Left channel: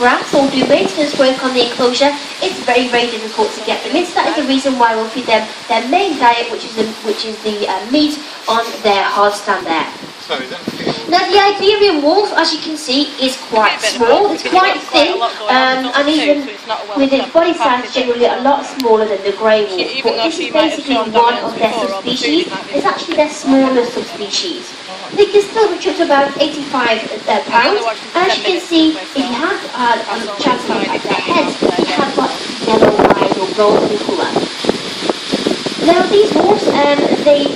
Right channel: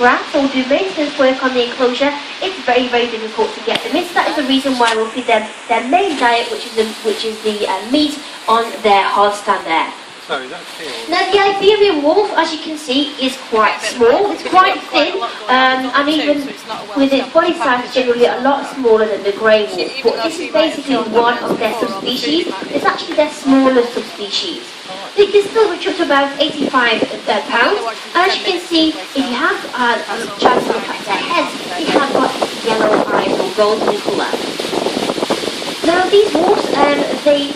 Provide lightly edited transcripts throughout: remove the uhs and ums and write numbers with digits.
grass or do maintenance work on the enclosure, it's very, very difficult to get them in. So that is the reason why we'll feed them their main diet, which is the meat on their hard stand there. Now the Iberian wolf, as you can see, is quite small. It's quite thin, and even with its body size generally a lot smaller than the grey wolf. But this is basically one of their subspecies. It's actually their smaller subspecies. They can still reach up to about 85 pounds. And as you can see, if you have a chance to look at their heads, they have got yellow eyes or golden colour. Now these wolves, they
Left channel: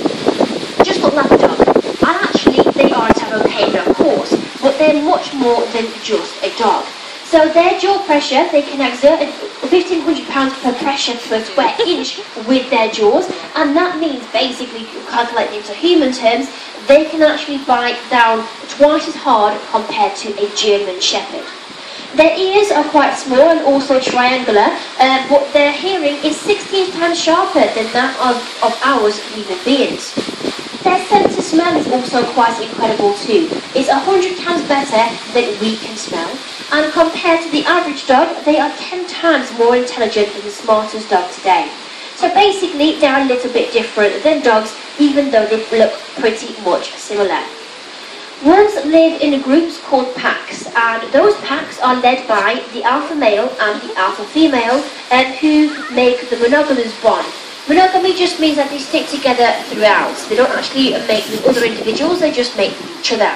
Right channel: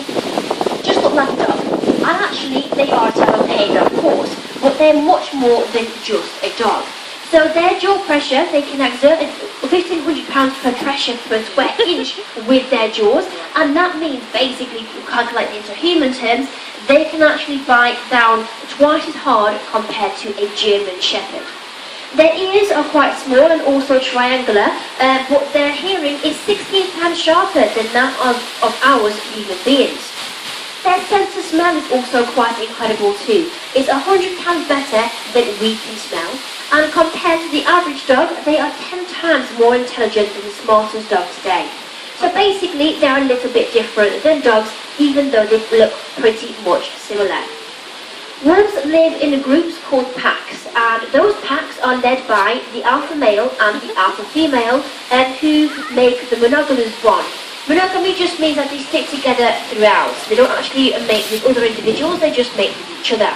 just look like a dog. And actually, they are a type of canine, of course, but they're much more than just a dog. So their jaw pressure, they can exert 1,500 pounds per pressure per square inch with their jaws, and that means basically, calculated into human terms, they can actually bite down twice as hard compared to a German Shepherd. Their ears are quite small and also triangular, but their hearing is 16 times sharper than that of ours human beings. Their sense of smell is also quite incredible too. It's 100 times better than we can smell, and compared to the average dog, they are 10 times more intelligent than the smartest dog today. So basically, they are a little bit different than dogs, even though they look pretty much similar. Wolves live in groups called packs, and those packs are led by the alpha male and the alpha female, who make the monogamous bond. Monogamy just means that they stick together throughout. They don't actually mate with other individuals, they just mate with each other.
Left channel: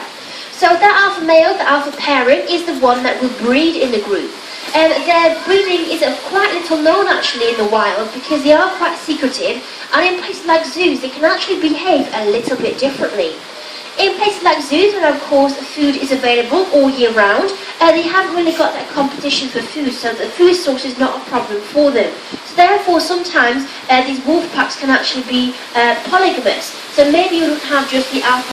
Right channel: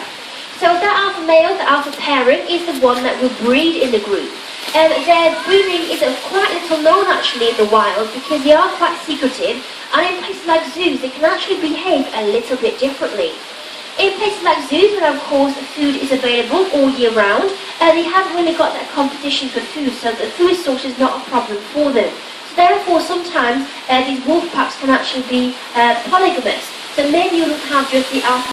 So the alpha male, the alpha parent, is the one that will breed in the group. Their breeding is quite little known actually in the wild because they are quite secretive, and in places like zoos they can actually behave a little bit differently. In places like zoos, where of course food is available all year round, they haven't really got that competition for food, so the food source is not a problem for them. So therefore, sometimes these wolf packs can actually be polygamous. So maybe you don't have just the alpha